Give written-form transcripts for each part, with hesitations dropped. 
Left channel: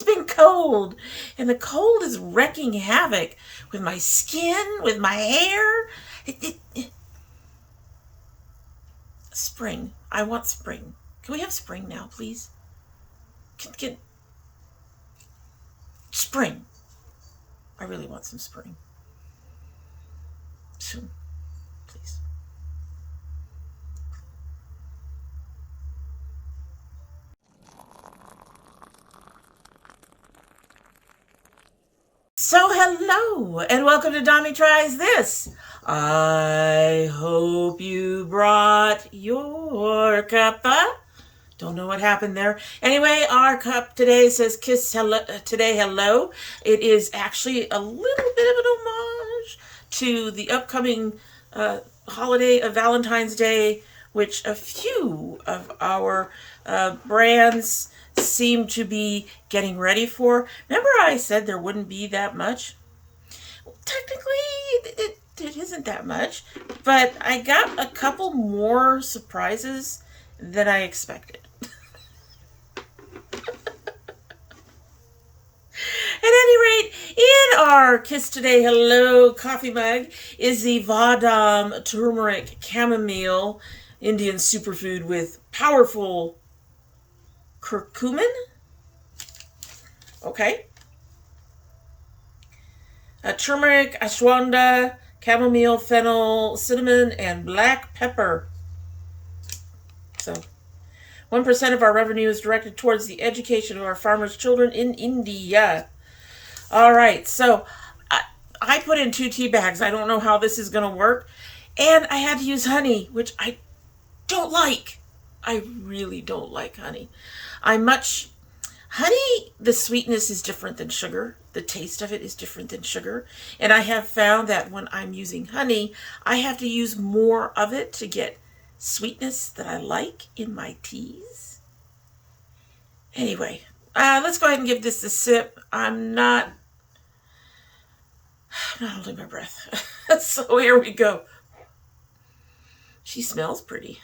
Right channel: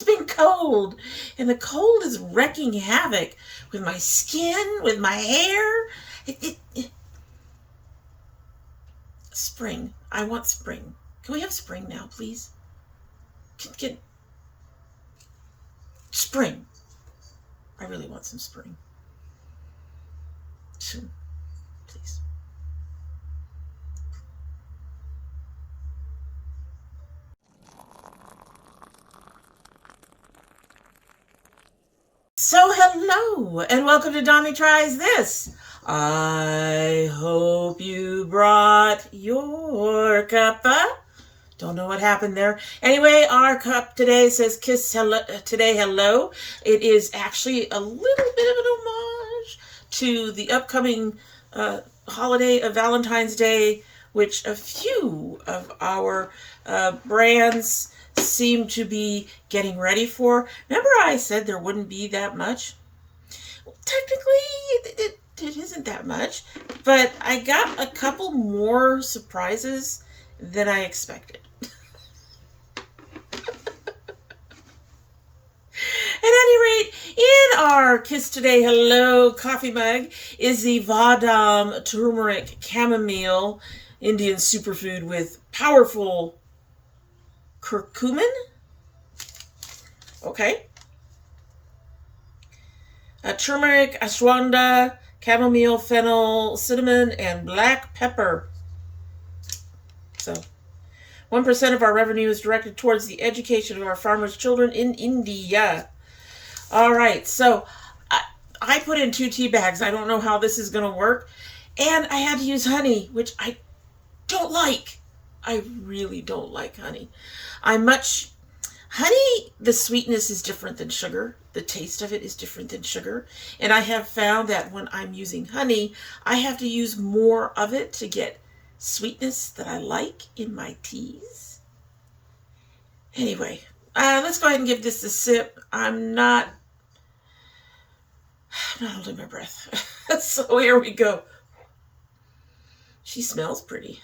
It's been cold, and the cold is wrecking havoc with my skin, with my hair. Spring. I want spring. Can we have spring now, please? Can spring. I really want some spring. Soon, please. So hello, and welcome to Domytriesthis. I hope you brought your cuppa. Don't know what happened there. Anyway, our cup today says kiss hello, today hello. It is actually a little bit of an homage to the upcoming holiday of Valentine's Day, which a few of our brands seem to be getting ready for. Remember I said there wouldn't be that much? Well, technically, it isn't that much, but I got a couple more surprises than I expected. At any rate, in our Kiss Today Hello coffee mug is the Vahdam Turmeric Chamomile Indian superfood with powerful curcumin. Okay. Turmeric, ashwagandha, chamomile, fennel, cinnamon, and black pepper. So 1% of our revenue is directed towards the education of our farmers' children in India. All right, so I put in 2 tea bags. I don't know how this is going to work. And I had to use honey, which I don't like. I really don't like honey. Honey, the sweetness is different than sugar. The taste of it is different than sugar. And I have found that when I'm using honey, I have to use more of it to get sweetness that I like in my teas. Anyway, let's go ahead and give this a sip. I'm not holding my breath. So here we go. She smells pretty.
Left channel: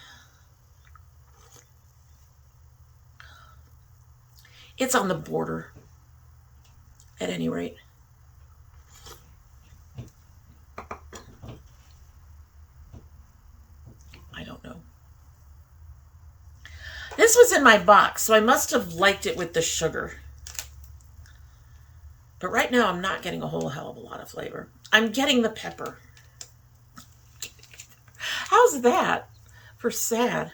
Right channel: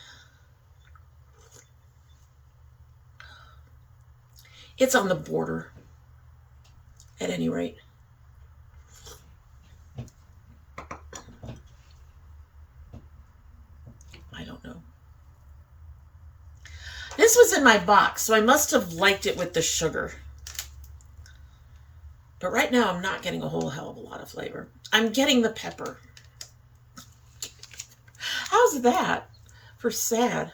It's on the border, at any rate. I don't know. This was in my box, so I must have liked it with the sugar. But right now, I'm not getting a whole hell of a lot of flavor. I'm getting the pepper. How's that for sad?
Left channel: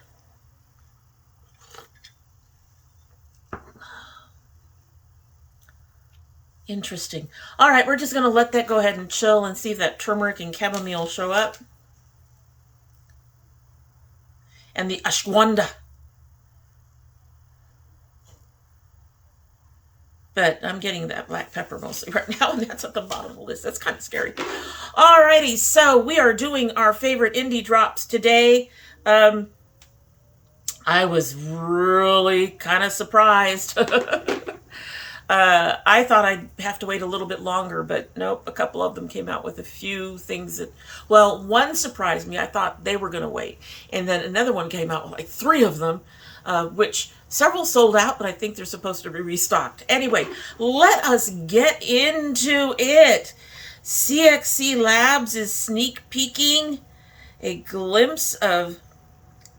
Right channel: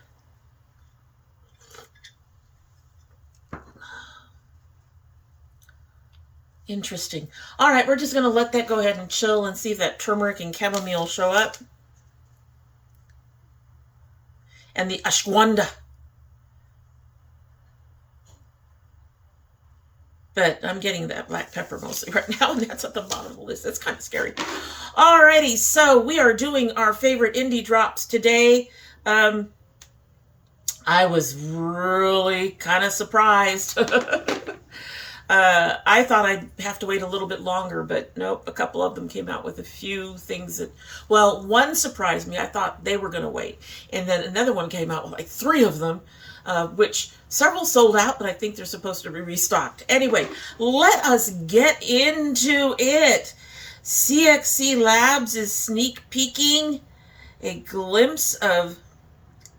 Interesting. All right, we're just going to let that go ahead and chill and see if that turmeric and chamomile show up. And the ashwagandha. But I'm getting that black pepper mostly right now, and that's at the bottom of the list. That's kind of scary. Alrighty, so we are doing our favorite indie drops today. I was really kind of surprised. I thought I'd have to wait a little bit longer, but nope, a couple of them came out with a few things that, well, one surprised me. I thought they were going to wait. And then another one came out with like 3 of them, which several sold out, but I think they're supposed to be restocked. Anyway, let us get into it. CXC Labs is sneak peeking a glimpse of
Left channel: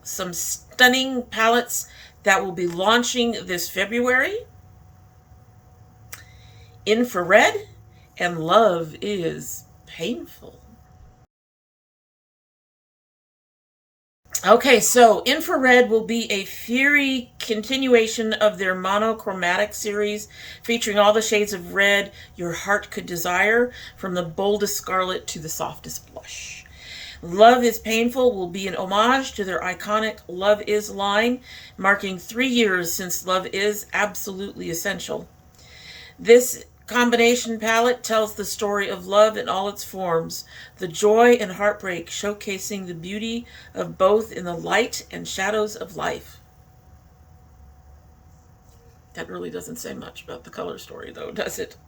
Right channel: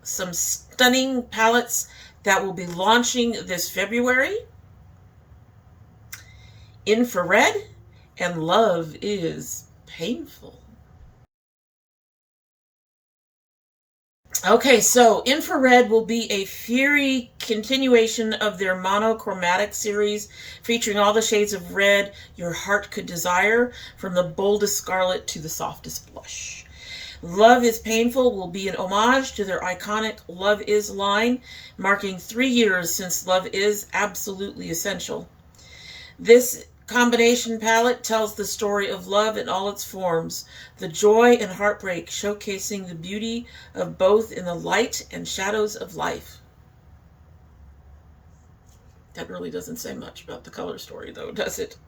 some stunning palettes that will be launching this February. Infrared and Love is Painful. Okay, so Infrared will be a fiery continuation of their monochromatic series featuring all the shades of red your heart could desire, from the boldest scarlet to the softest blush. Love is Painful will be an homage to their iconic Love Is line, marking 3 years since Love Is Absolutely Essential. This combination palette tells the story of love in all its forms, the joy and heartbreak, showcasing the beauty of both in the light and shadows of life. That really doesn't say much about the color story, though, does it?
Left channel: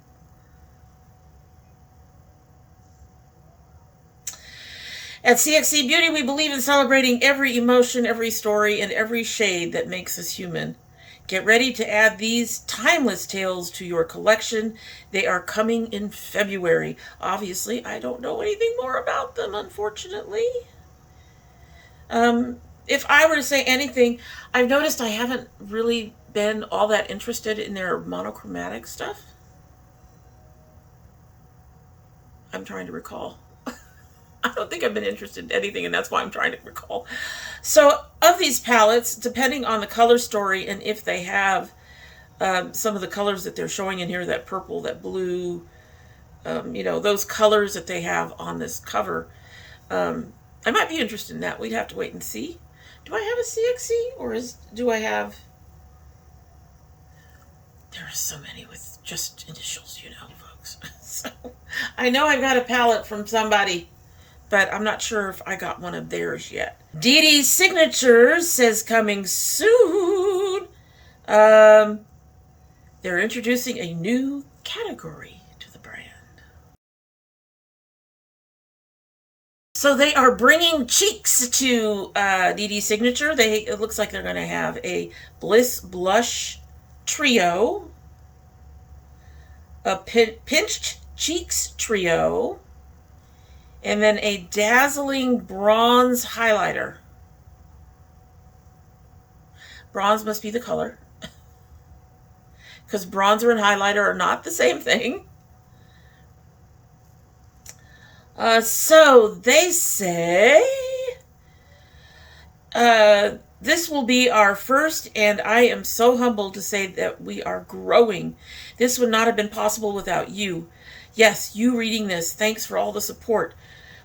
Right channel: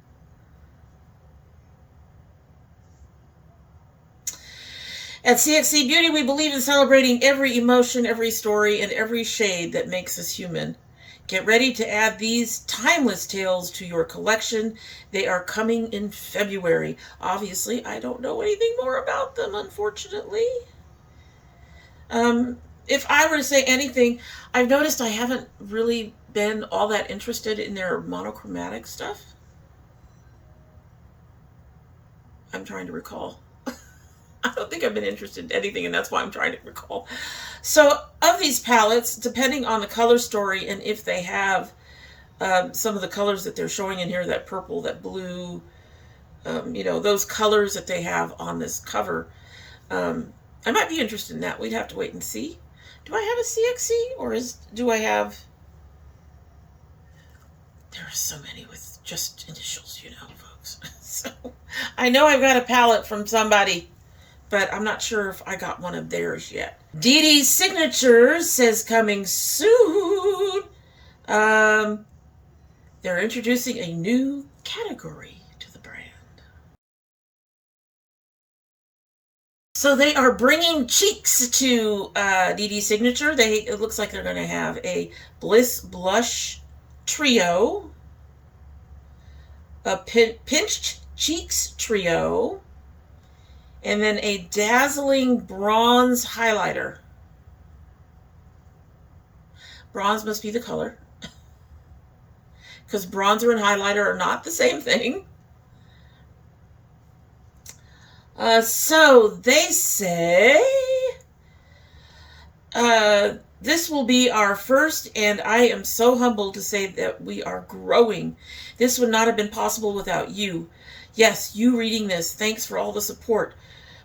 At CXC Beauty, we believe in celebrating every emotion, every story, and every shade that makes us human. Get ready to add these timeless tales to your collection. They are coming in February. Obviously, I don't know anything more about them, unfortunately. If I were to say anything, I've noticed I haven't really been all that interested in their monochromatic stuff. I'm trying to recall. I don't think I've been interested in anything, and that's why I'm trying to recall. So, of these palettes, depending on the color story and if they have some of the colors that they're showing in here, that purple, that blue, those colors that they have on this cover, I might be interested in that. We'd have to wait and see. Do I have a CXC, or do I have... There are so many with just initials, folks. So, I know I've got a palette from somebody, but I'm not sure if I got one of theirs yet. Dedesignature says coming soon. They're introducing a new category to the brand. So they are bringing cheeks to Dedesignature. It looks like they're going to have a Bliss Blush Trio, a Pinched Cheeks Trio, and then a Dazzling Bronze Highlighter. Bronze must be the color, because bronzer and highlighter are not the same thing. So they say this will be our first, and I am so humbled to say that we are growing. This would not have been possible without you. Yes, you reading this. Thanks for all the support.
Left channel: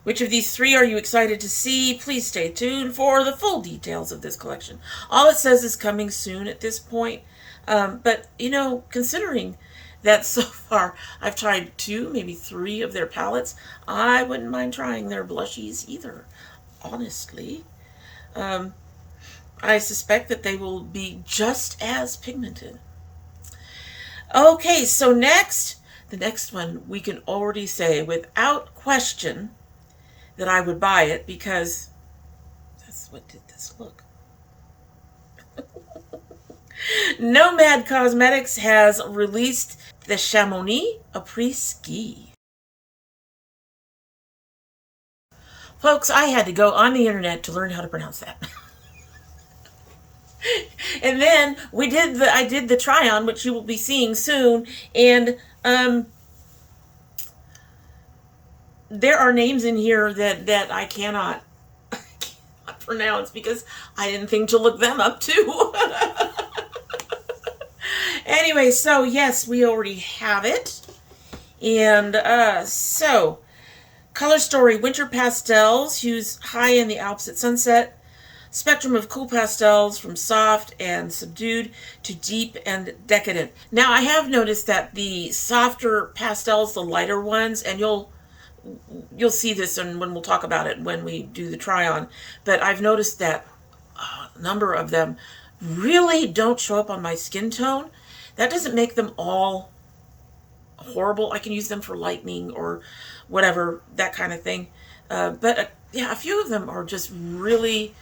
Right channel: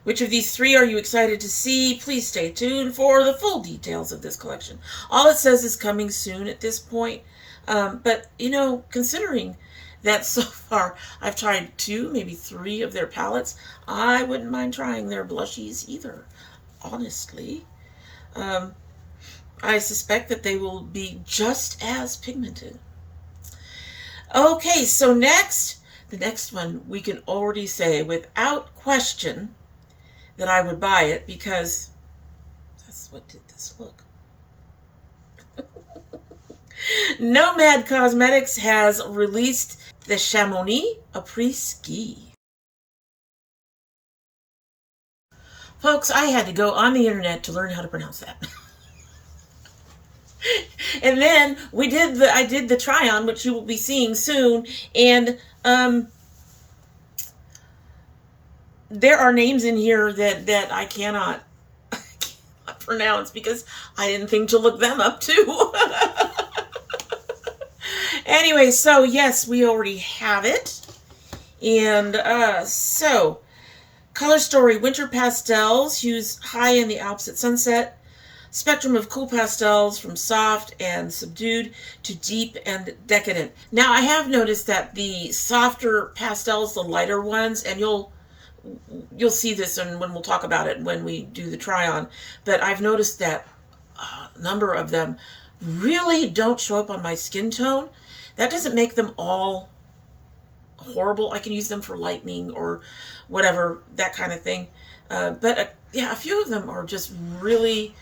Which of these three are you excited to see? Please stay tuned for the full details of this collection. All it says is coming soon at this point. But, considering that so far I've tried 2, maybe 3 of their palettes, I wouldn't mind trying their blushies either, honestly. I suspect that they will be just as pigmented. Okay, so the next one, we can already say without question that I would buy it, because that's what did this look. Nomad Cosmetics has released the Chamomile Après-Ski. Folks, I had to go on the internet to learn how to pronounce that. And then I did the try-on, which you will be seeing soon, and there are names in here that I cannot pronounce because I didn't think to look them up too. Anyway, so yes, we already have it. And so, color story, winter pastels, hues high in the Alps at sunset. Spectrum of cool pastels from soft and subdued to deep and decadent. Now, I have noticed that the softer pastels, the lighter ones, and you'll see this when we'll talk about it when we do the try-on, but I've noticed that a number of them really don't show up on my skin tone. That doesn't make them all horrible. I can use them for lightening or whatever, that kind of thing. But yeah, a few of them are just really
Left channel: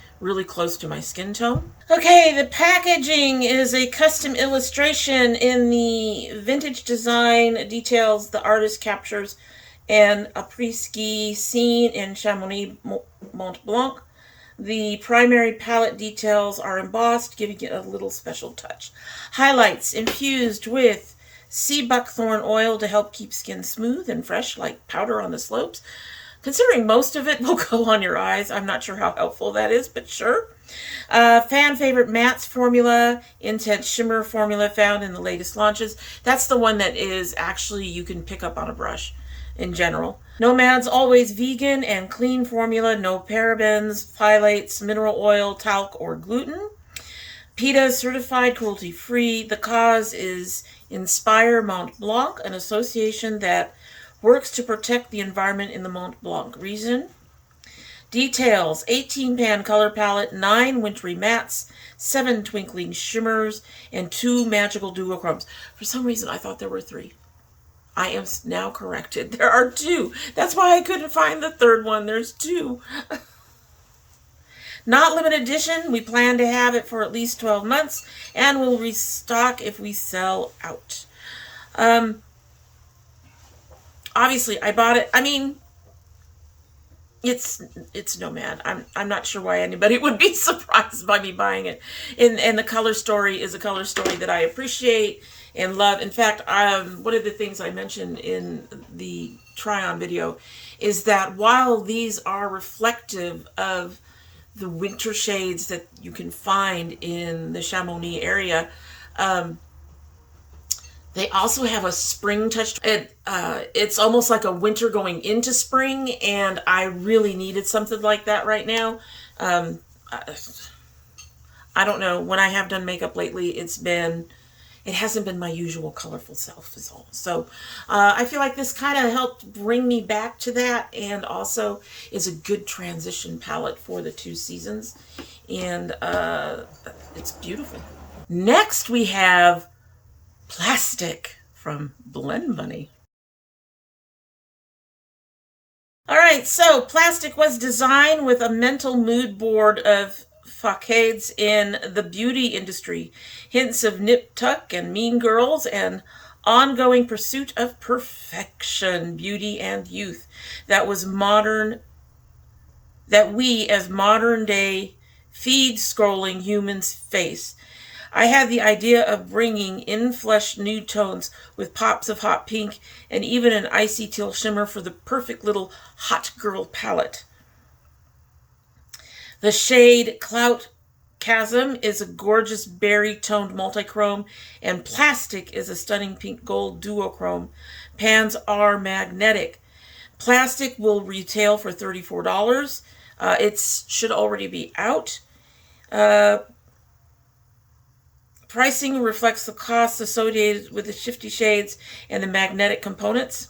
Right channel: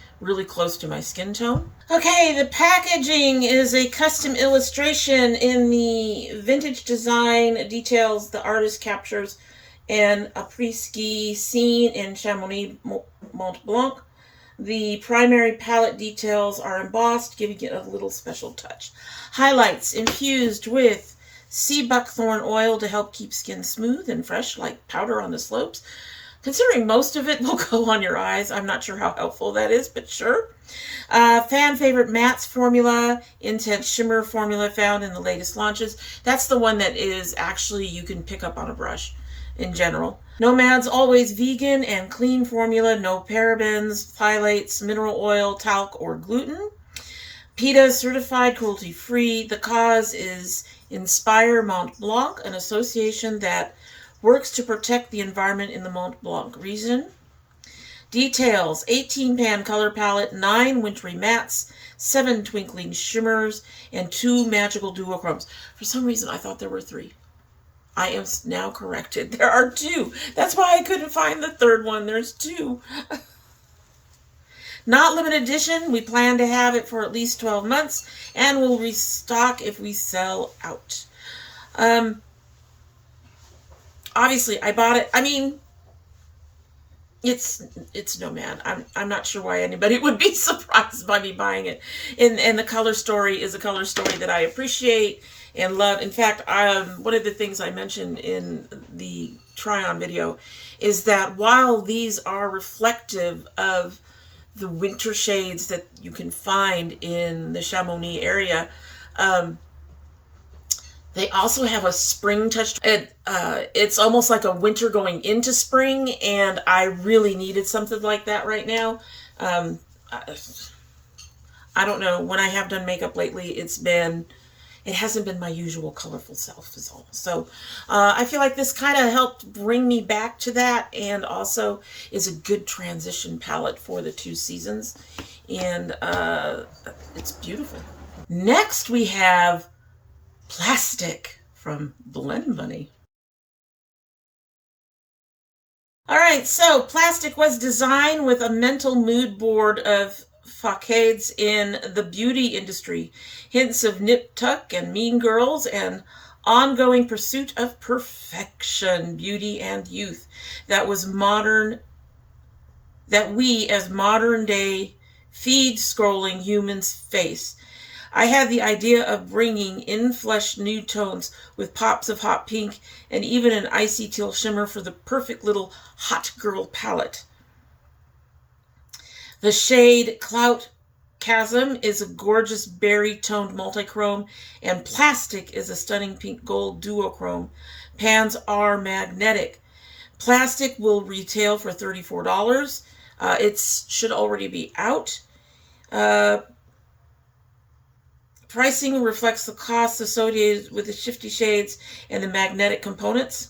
close to my skin tone. Okay, the packaging is a custom illustration in the vintage design details the artist captures and après-ski scene in Chamomile Mont Blanc. The primary palette details are embossed, giving it a little special touch. Highlights infused with sea buckthorn oil to help keep skin smooth and fresh like powder on the slopes. Considering most of it will go on your eyes, I'm not sure how helpful that is, but sure. Fan favorite mattes formula, intense shimmer formula found in the latest launches. That's the one that is actually you can pick up on a brush in general. Nomad's always vegan and clean formula, no parabens, phthalates, mineral oil, talc, or gluten. PETA certified cruelty-free. The cause is Inspire Mont Blanc, an association that works to protect the environment in the Mont Blanc region. Details, 18-pan color palette, 9 wintry mattes, 7 twinkling shimmers, and 2 magical duochromes. For some reason, I thought there were 3. I am now corrected. There are 2. That's why I couldn't find the third one. There's 2. Not limited edition. We plan to have it for at least 12 months, and we'll restock if we sell out. Obviously, I bought it. I mean, it's Nomad. I'm not sure why anybody would be surprised by me buying it. And the color story is a color story that I appreciate and love. In fact, one of the things I mentioned in the try-on video is that while these are reflective of the winter shades that you can find in the Chamomile area, they also have a spring touch. It's almost like a winter going into spring, and I really needed something like that right now. I don't know. When I have done makeup lately, it hasn't been my usual colorful self is all. So I feel like this kind of helped bring me back to that, and also is a good transition palette for the 2 seasons. And it's beautiful. Next we have Plastic from Blend Bunny. All right, so Plastic was designed with a mental mood board of facades in the beauty industry, hints of nip tuck and mean girls, and ongoing pursuit of perfection, beauty, and youth that we as modern day feed scrolling humans face. I had the idea of bringing in-flesh nude tones with pops of hot pink and even an icy teal shimmer for the perfect little hot girl palette. The shade Clout Chasm is a gorgeous berry-toned multichrome, and Plastic is a stunning pink gold duochrome. Pans are magnetic. Plastic will retail for $34. It should already be out. Pricing reflects the costs associated with the shifty shades and the magnetic components.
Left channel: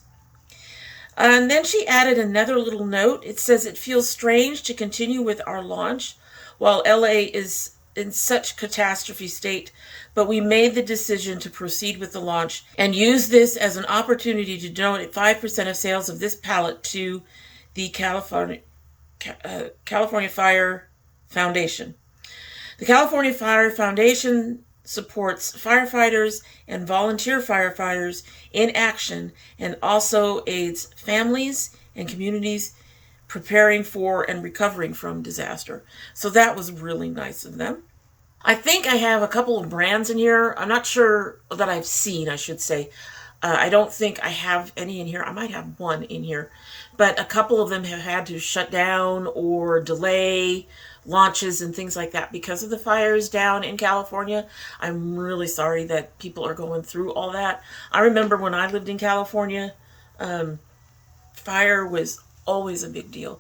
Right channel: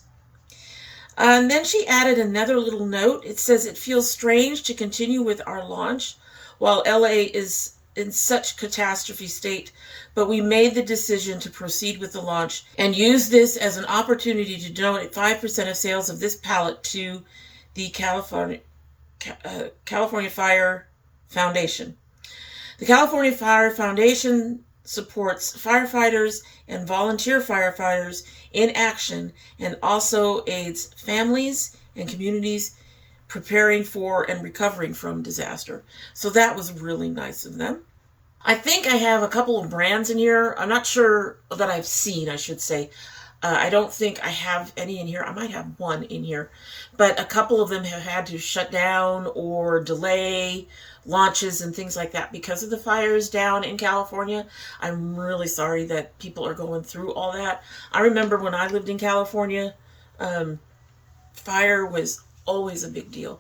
And then she added another little note. It says, it feels strange to continue with our launch while LA is in such catastrophe state, but we made the decision to proceed with the launch and use this as an opportunity to donate 5% of sales of this palette to the California Fire Foundation. The California Fire Foundation supports firefighters and volunteer firefighters in action, and also aids families and communities preparing for and recovering from disaster. So that was really nice of them. I think I have a couple of brands in here. I'm not sure that I've seen, I should say. I don't think I have any in here. I might have one in here, but a couple of them have had to shut down or delay launches and things like that because of the fires down in California. I'm really sorry that people are going through all that. I remember when I lived in California, fire was always a big deal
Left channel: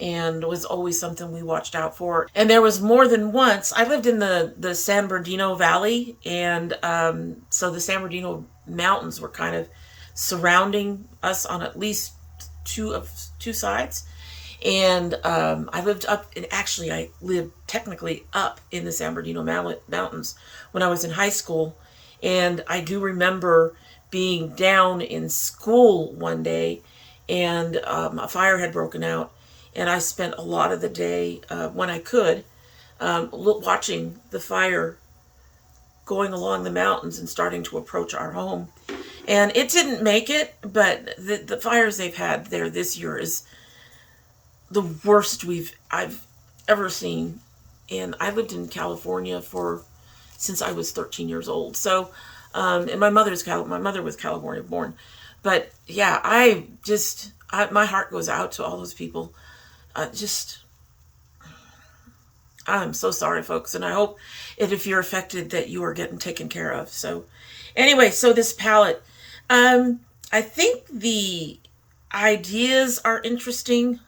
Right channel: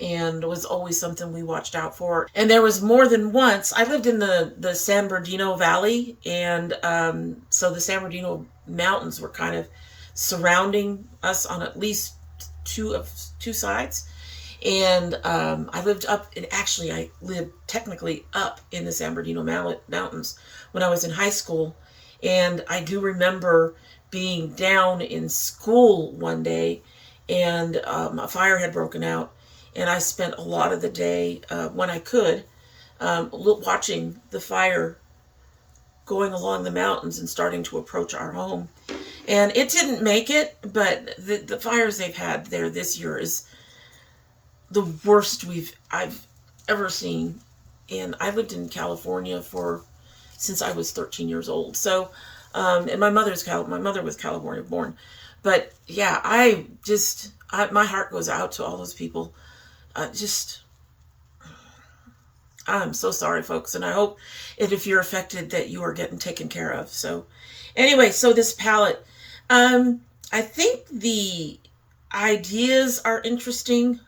and was always something we watched out for. And there was more than once. I lived in the San Bernardino Valley, and so the San Bernardino mountains were kind of surrounding us on at least two sides. And I lived up, and actually I lived technically up in the San Bernardino Mountains when I was in high school. And I do remember being down in school one day, and a fire had broken out. And I spent a lot of the day, when I could, watching the fire going along the mountains and starting to approach our home. And it didn't make it, but the fires they've had there this year is the worst I've ever seen. And I lived in California since I was 13 years old. So, and my mother was California born. But yeah, my heart goes out to all those people. I'm so sorry, folks. And I hope if you're affected that you are getting taken care of. So anyway, so this palette, I think the ideas are interesting.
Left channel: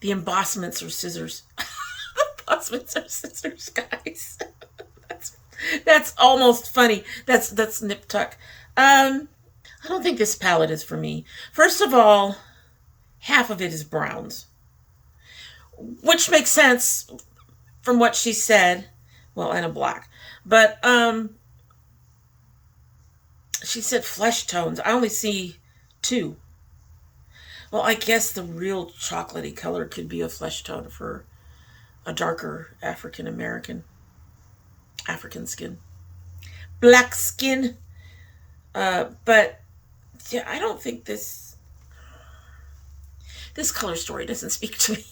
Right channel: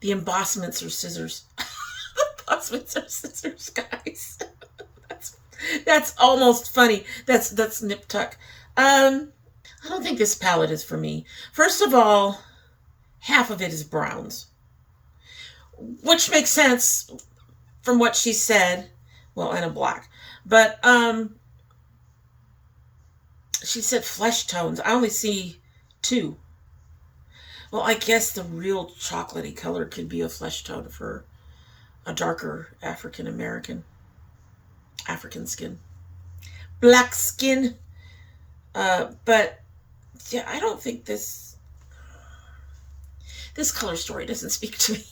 The embossments are scissors. Embossments are scissors, guys. That's almost funny. That's nip tuck. I don't think this palette is for me. First of all, half of it is browns, which makes sense from what she said. Well, and a black, but she said flesh tones. I only see 2. Well, I guess the real chocolatey color could be a flesh tone for a darker African skin. Black skin. But yeah, I don't think this color story doesn't speak to me.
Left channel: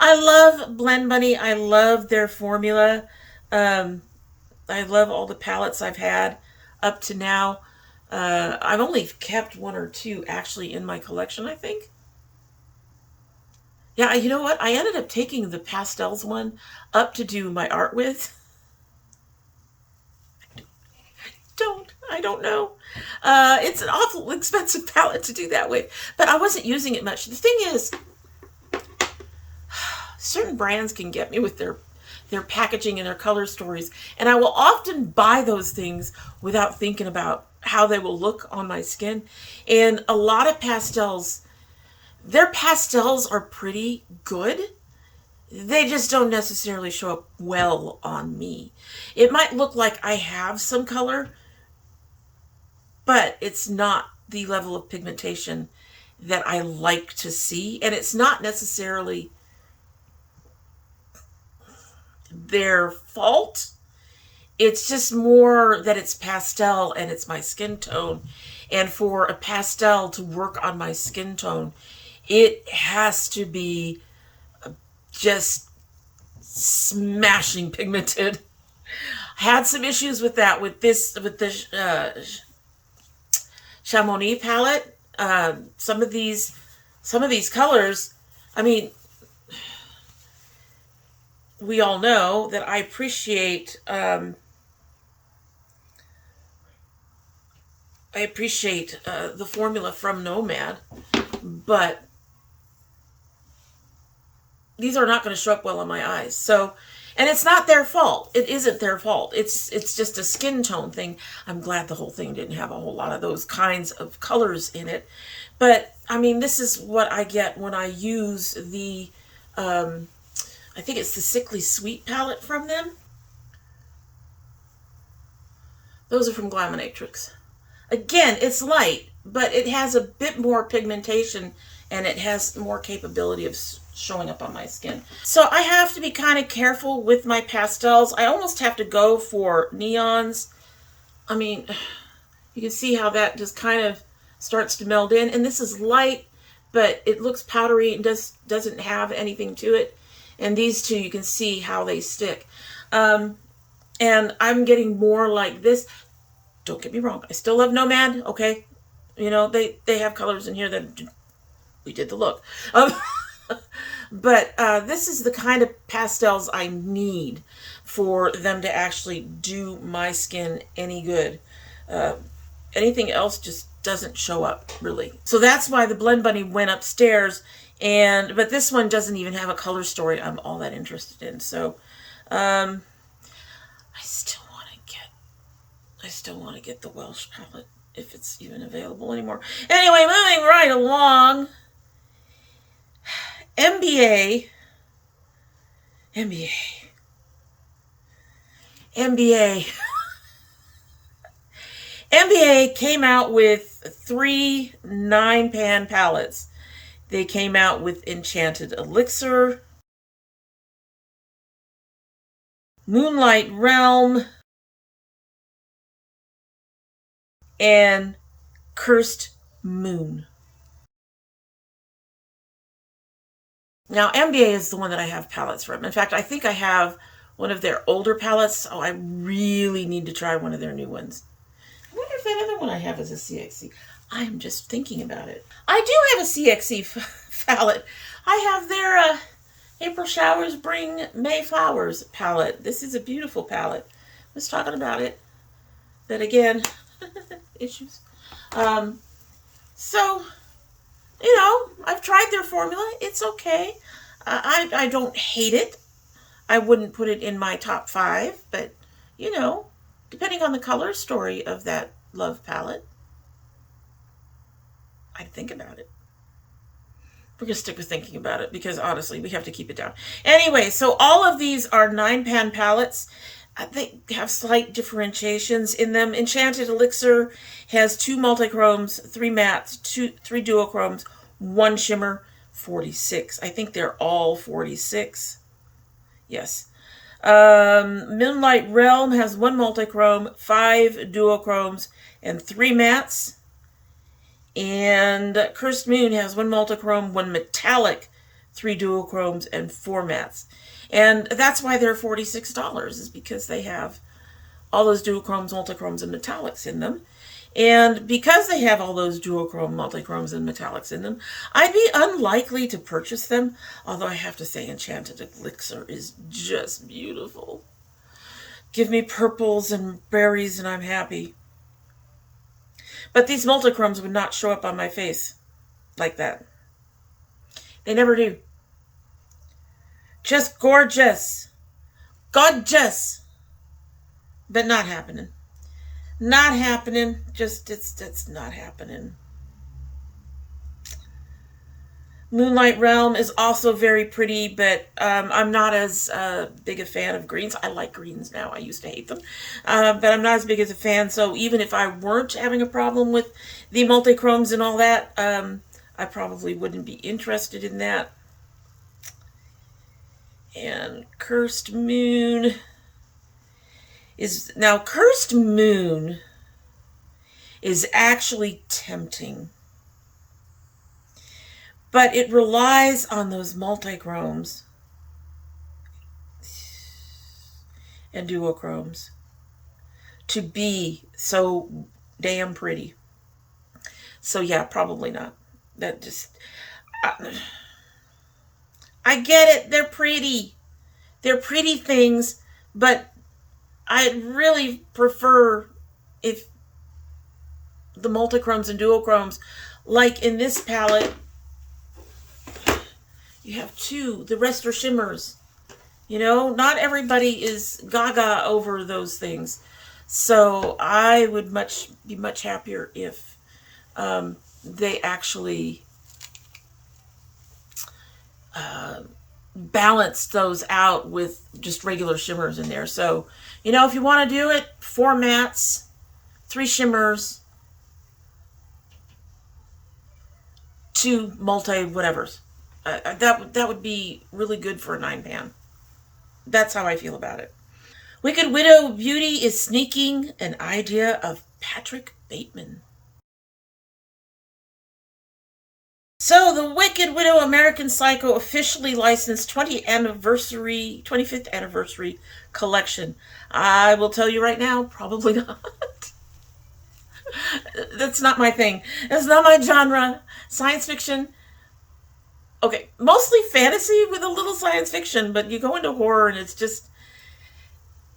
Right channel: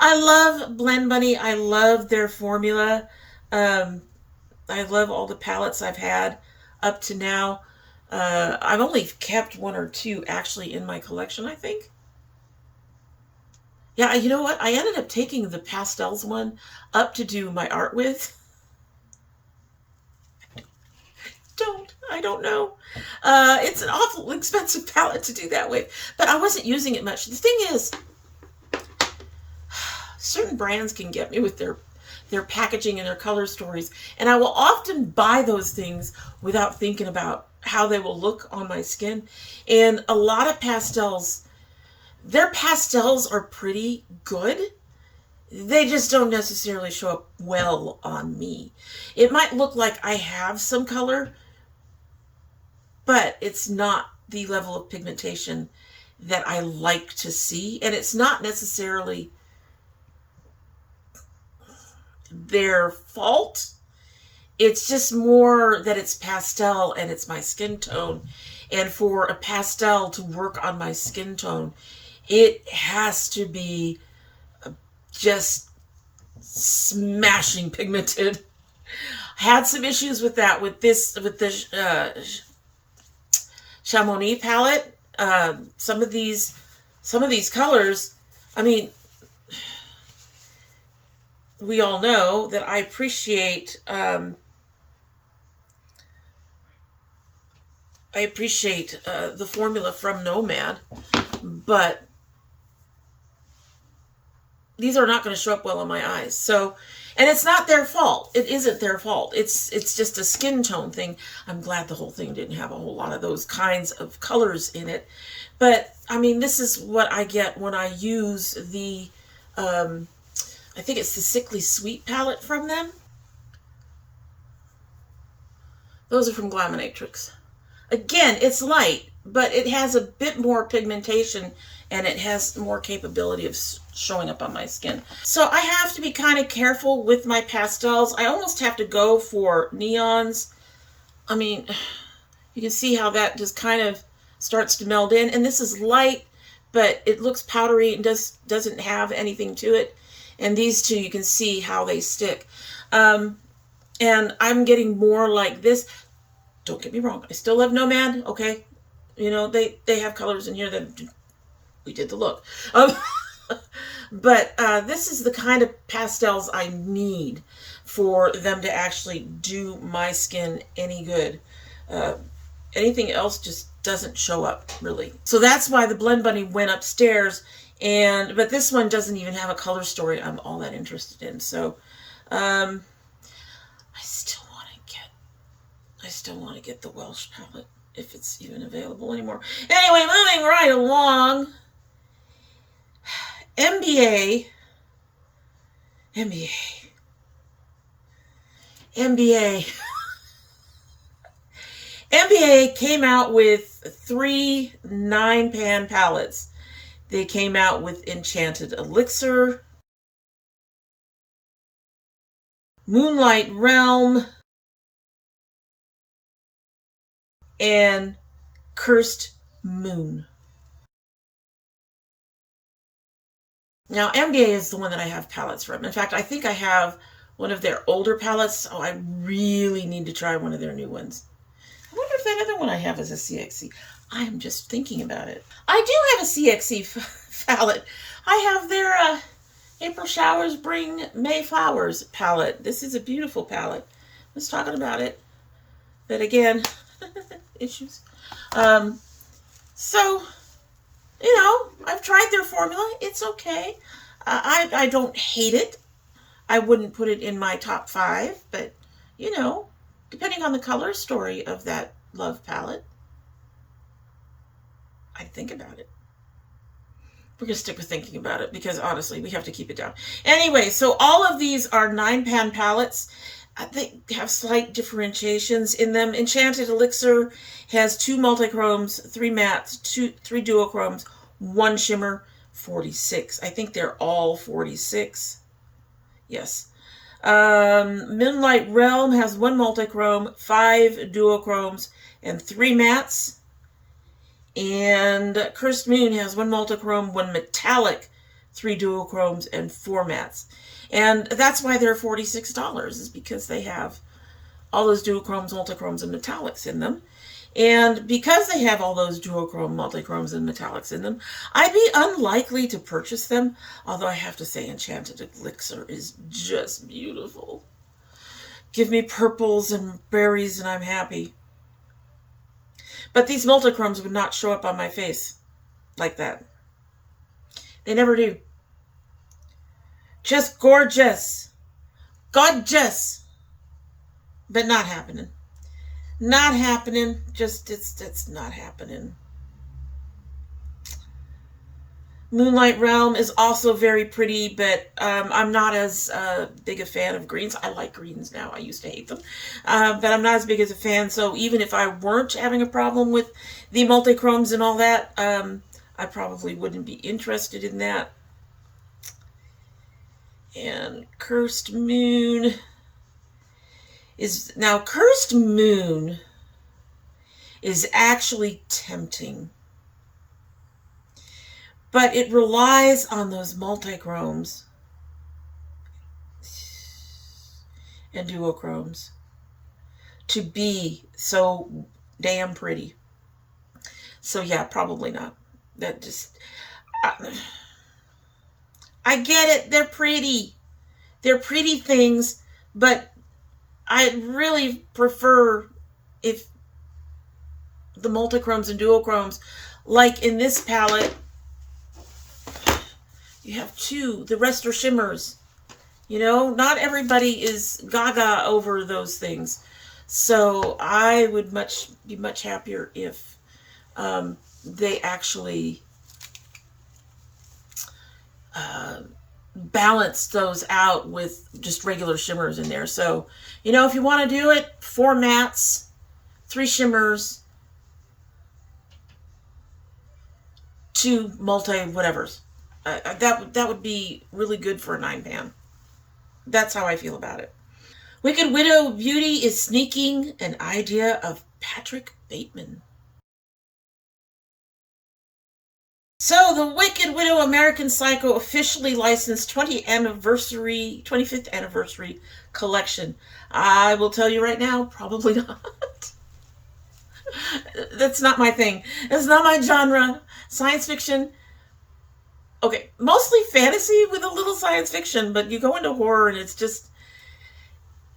I love Blend Bunny. I love their formula. I love all the palettes I've had up to now. I've only kept one or two actually in my collection, I think. Yeah, you know what? I ended up taking the pastels one up to do my art with. I don't know. It's an awful expensive palette to do that with, but I wasn't using it much. The thing is, certain brands can get me with their packaging and their color stories, and I will often buy those things without thinking about how they will look on my skin. And a lot of pastels, their pastels are pretty good. They just don't necessarily show up well on me. It might look like I have some color, but it's not the level of pigmentation that I like to see. And it's not necessarily their fault. It's just more that it's pastel and it's my skin tone. And for a pastel to work on my skin tone, it has to be just smashing pigmented. I had some issues with that with the Chamomile palette. Some of these colors, I mean, we all know that I appreciate the formula from Nomad, but these are not going to show up well on my eyes. So, and it's not their fault. It isn't their fault. It's just a skin tone thing. I'm glad the whole thing didn't have a whole lot of those kinds of colors in it. But, I mean, this is what I get when I use the, I think it's the Sickly Sweet palette from them. Those are from Glaminatrix. Again, it's light, but it has a bit more pigmentation and it has more capability of showing up on my skin. So I have to be kind of careful with my pastels. I almost have to go for neons. I mean, you can see how that just kind of starts to meld in. And this is light, but it looks powdery and doesn't have anything to it. And these two, you can see how they stick. And I'm getting more like this. Don't get me wrong. I still love Nomad, okay? You know, they have colors in here that we did the look. But this is the kind of pastels I need for them to actually do my skin any good. Anything else just doesn't show up, really. So that's why the Blend Bunny went upstairs. But this one doesn't even have a color story I'm all that interested in. So I still want to get the Welsh palette if it's even available anymore. Anyway, moving right along. NBA came out with 3 9-pan palettes. They came out with Enchanted Elixir, Moonlight Realm, and Cursed Moon. Now, MBA is the one that I have palettes from. In fact, I think I have one of their older palettes. Oh, I really need to try one of their new ones. I wonder if that other one I have is a CXC. I am just thinking about it. I do have a CXC palette. I have their April Showers Bring May Flowers palette. This is a beautiful palette. I was talking about it. But again, issues. So, you know, I've tried their formula. It's okay. I don't hate it. I wouldn't put it in my top 5, but, you know, depending on the color story of that love palette, I'd think about it. We're going to stick with thinking about it because, honestly, we have to keep it down. Anyway, so all of these are 9-pan palettes. They have slight differentiations in them. Enchanted Elixir has 2 multichromes, 3 mattes, 3 duochromes, One shimmer, 46. I think they're all 46. Yes. Moonlight Realm has 1 multichrome, 5 duochromes, and 3 mattes. And Cursed Moon has 1 multichrome, 1 metallic, 3 duochromes, and 4 mattes. And that's why they're $46, is because they have all those duochromes, multichromes, and metallics in them. And because they have all those duochrome, multichromes, and metallics in them, I'd be unlikely to purchase them. Although I have to say, Enchanted Elixir is just beautiful. Give me purples and berries and I'm happy. But these multichromes would not show up on my face like that. They never do. Just gorgeous. Gorgeous. But not happening. Not happening. Just, it's not happening. Moonlight Realm is also very pretty, but I'm not as big a fan of greens. I like greens now. I used to hate them. But I'm not as big as a fan, so even if I weren't having a problem with the multichromes and all that, I probably wouldn't be interested in that. And Cursed Moon is... Now, Cursed Moon is actually tempting. But it relies on those multichromes and duochromes to be so damn pretty. So yeah, probably not. That just... I get it. They're pretty. They're pretty things, but I really prefer if the multichromes and duochromes, like in this palette, you have 2. The rest are shimmers. You know, not everybody is gaga over those things. So I would be much happier if they actually balance those out with just regular shimmers in there. So, you know, if you want to do it, 4 mattes, 3 shimmers, 2 multi-whatevers. That would be really good for a 9-pan. That's how I feel about it. Wicked Widow Beauty is sneaking an idea of Patrick Bateman. So the Wicked Widow American Psycho officially licensed 25th anniversary collection. I will tell you right now, probably not. That's not my thing. That's not my genre. Science fiction. Okay, mostly fantasy with a little science fiction, but you go into horror and it's just...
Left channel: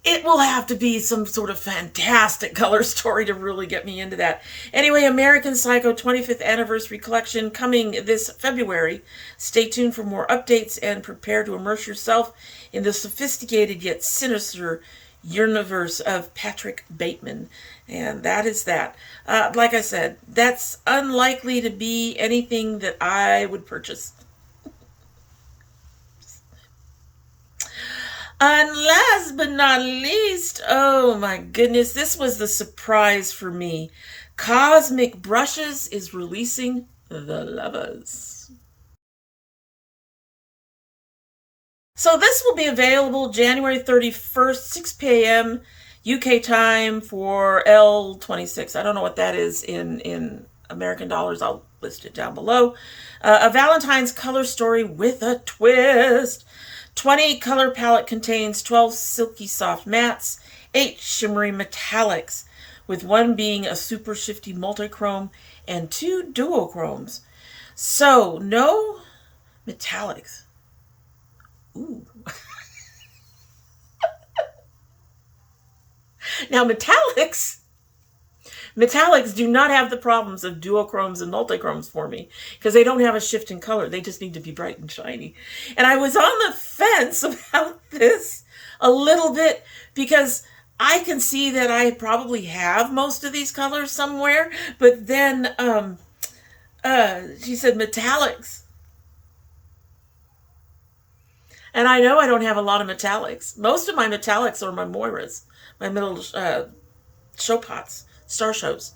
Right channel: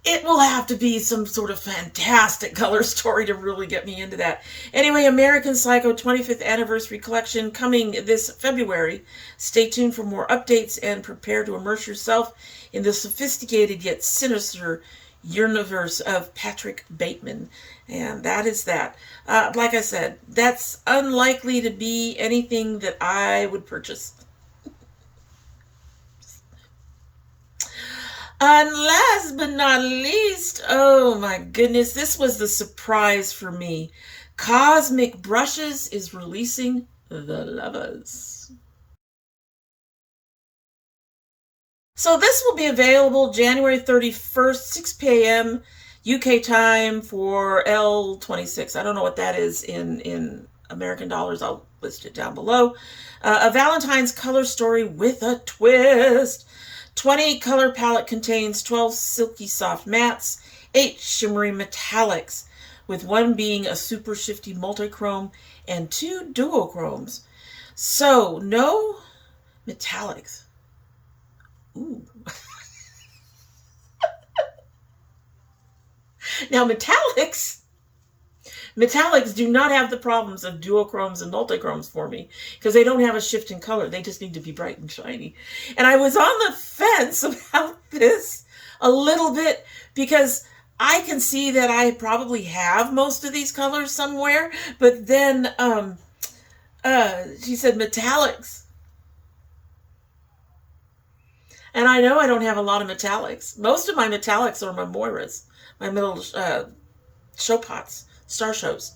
It will have to be some sort of fantastic color story to really get me into that. Anyway, American Psycho 25th Anniversary Collection coming this February. Stay tuned for more updates and prepare to immerse yourself in the sophisticated yet sinister universe of Patrick Bateman. And that is that. Like I said, that's unlikely to be anything that I would purchase. And last but not least, oh my goodness, this was the surprise for me. Cosmic Brushes is releasing The Lovers. So this will be available January 31st, 6 p.m. UK time for L26. I don't know what that is in American dollars. I'll list it down below. A Valentine's color story with a twist. 20 color palette contains 12 silky soft mattes, 8 shimmery metallics, with 1 being a super shifty multichrome and 2 duochromes. So, no metallics. Ooh. Now, metallics do not have the problems of duochromes and multichromes for me, because they don't have a shift in color. They just need to be bright and shiny. And I was on the fence about this a little bit, because I can see that I probably have most of these colors somewhere, but then she said metallics. And I know I don't have a lot of metallics. Most of my metallics are my Moiras, my little show pots, star shows.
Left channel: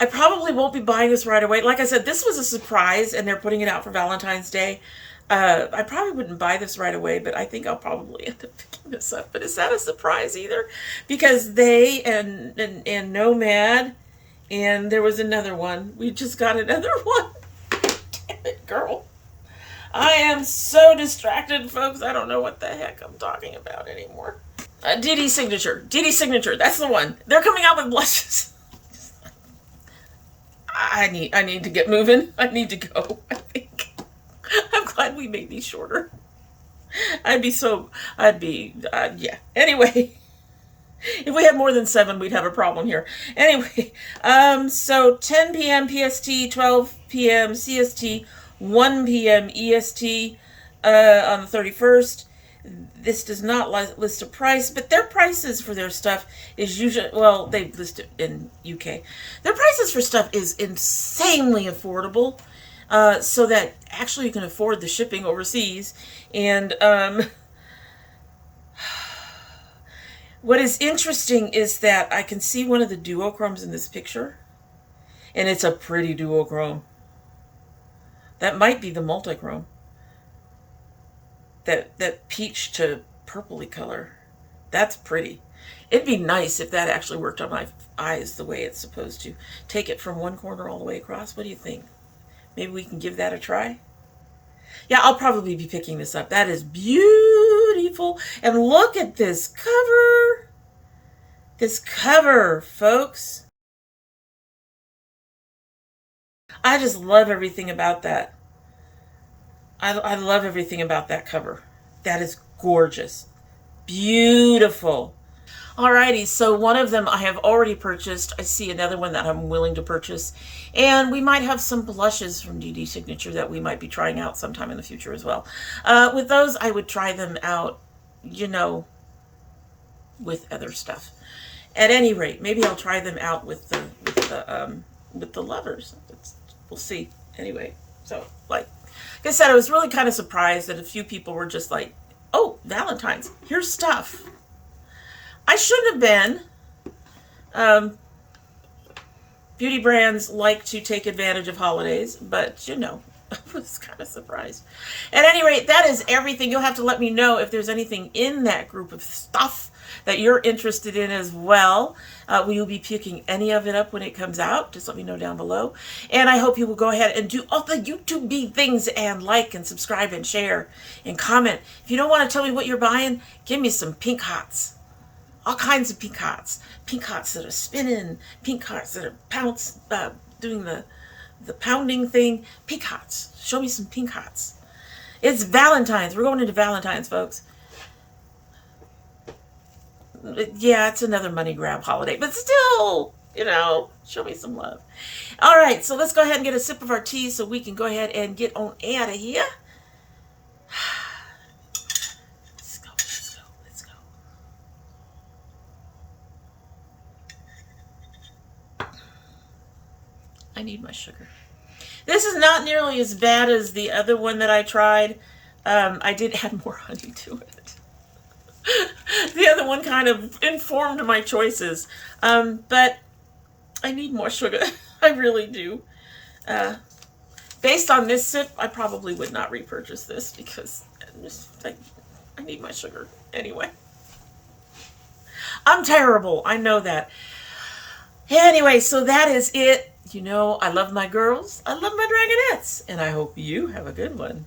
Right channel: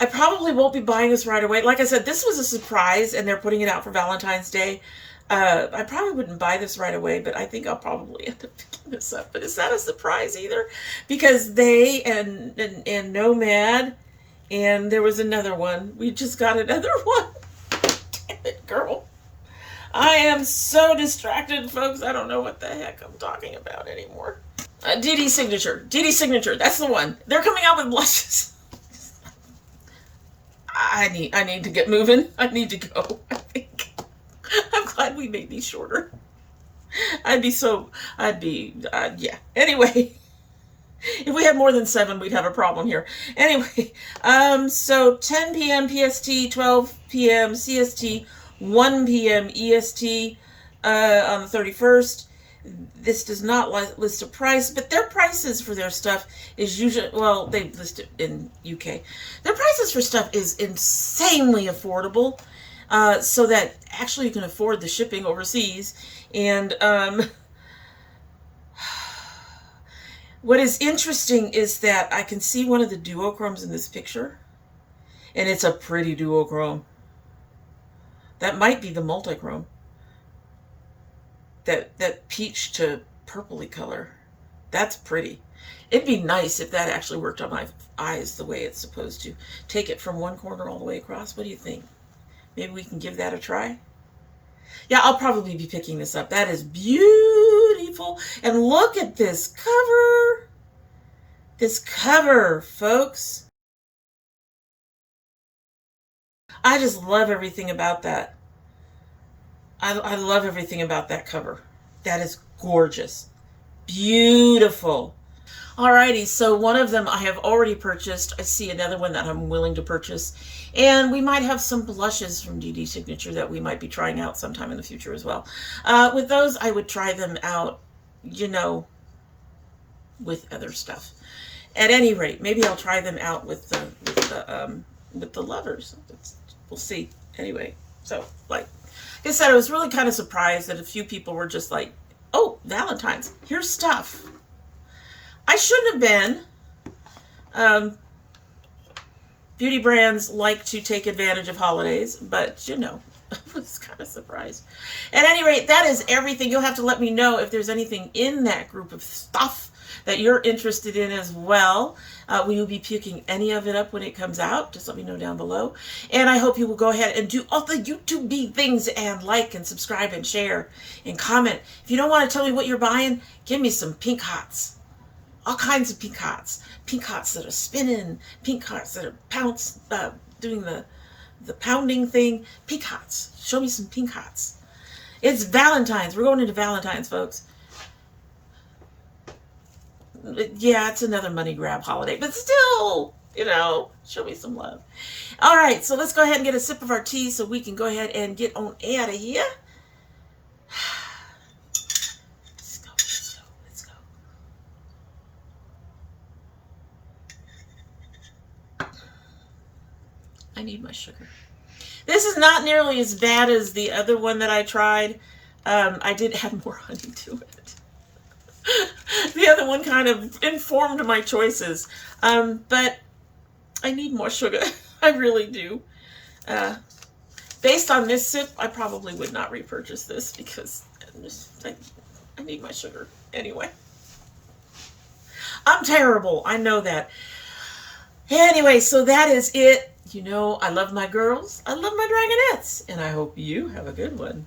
I probably won't be buying this right away. Like I said, this was a surprise, and they're putting it out for Valentine's Day. I probably wouldn't buy this right away, but I think I'll probably end up picking this up. But it's not a surprise either, because they and Nomad, and there was another one. We just got another one. Damn it, girl. I am so distracted, folks. I don't know what the heck I'm talking about anymore. Dedesignature. Dedesignature. That's the one. They're coming out with blushes. I need to get moving. I need to go, I think. I'm glad we made these shorter. Yeah. Anyway, if we had more than 7, we'd have a problem here. Anyway, so 10 p.m. PST, 12 p.m. CST, 1 p.m. EST on the 31st. This does not list a price, but their prices for their stuff is usually, well, they list it in UK. Their prices for stuff is insanely affordable, so that actually you can afford the shipping overseas. And what is interesting is that I can see one of the duochromes in this picture, and it's a pretty duochrome. That might be the multichrome. That peach to purpley color. That's pretty. It'd be nice if that actually worked on my eyes the way it's supposed to. Take it from one corner all the way across. What do you think? Maybe we can give that a try? Yeah, I'll probably be picking this up. That is beautiful. And look at this cover. This cover, folks. I just love everything about that. I love everything about that cover. That is gorgeous. Beautiful. Alrighty, so one of them I have already purchased. I see another one that I'm willing to purchase. And we might have some blushes from Dedesignature that we might be trying out sometime in the future as well. With those, I would try them out, you know, with other stuff. At any rate, maybe I'll try them out with the lovers. We'll see. Anyway, so like I said, I was really kind of surprised that a few people were just like, oh, Valentine's, here's stuff. I shouldn't have been. Beauty brands like to take advantage of holidays, but you know, I was kind of surprised. At any rate, that is everything. You'll have to let me know if there's anything in that group of stuff that you're interested in as well. We will be picking any of it up when it comes out. Just let me know down below. And I hope you will go ahead and do all the YouTube things and like and subscribe and share and comment. If you don't want to tell me what you're buying, give me some pink hots. All kinds of pink hots. Pink hots that are spinning. Pink hots that are doing the pounding thing. Pink hots. Show me some pink hots. It's Valentine's. We're going into Valentine's, folks. Yeah, it's another money grab holiday, but still, you know, show me some love. All right, so let's go ahead and get a sip of our tea so we can go ahead and get on out of here. Let's go, let's go, let's go. I need my sugar. This is not nearly as bad as the other one that I tried. I did add more honey to it. The other one kind of informed my choices, but I need more sugar. I really do. Based on this sip, I probably would not repurchase this because I need my sugar anyway. I'm terrible. I know that. Anyway, so that is it. You know, I love my girls. I love my dragonettes. And I hope you have a good one.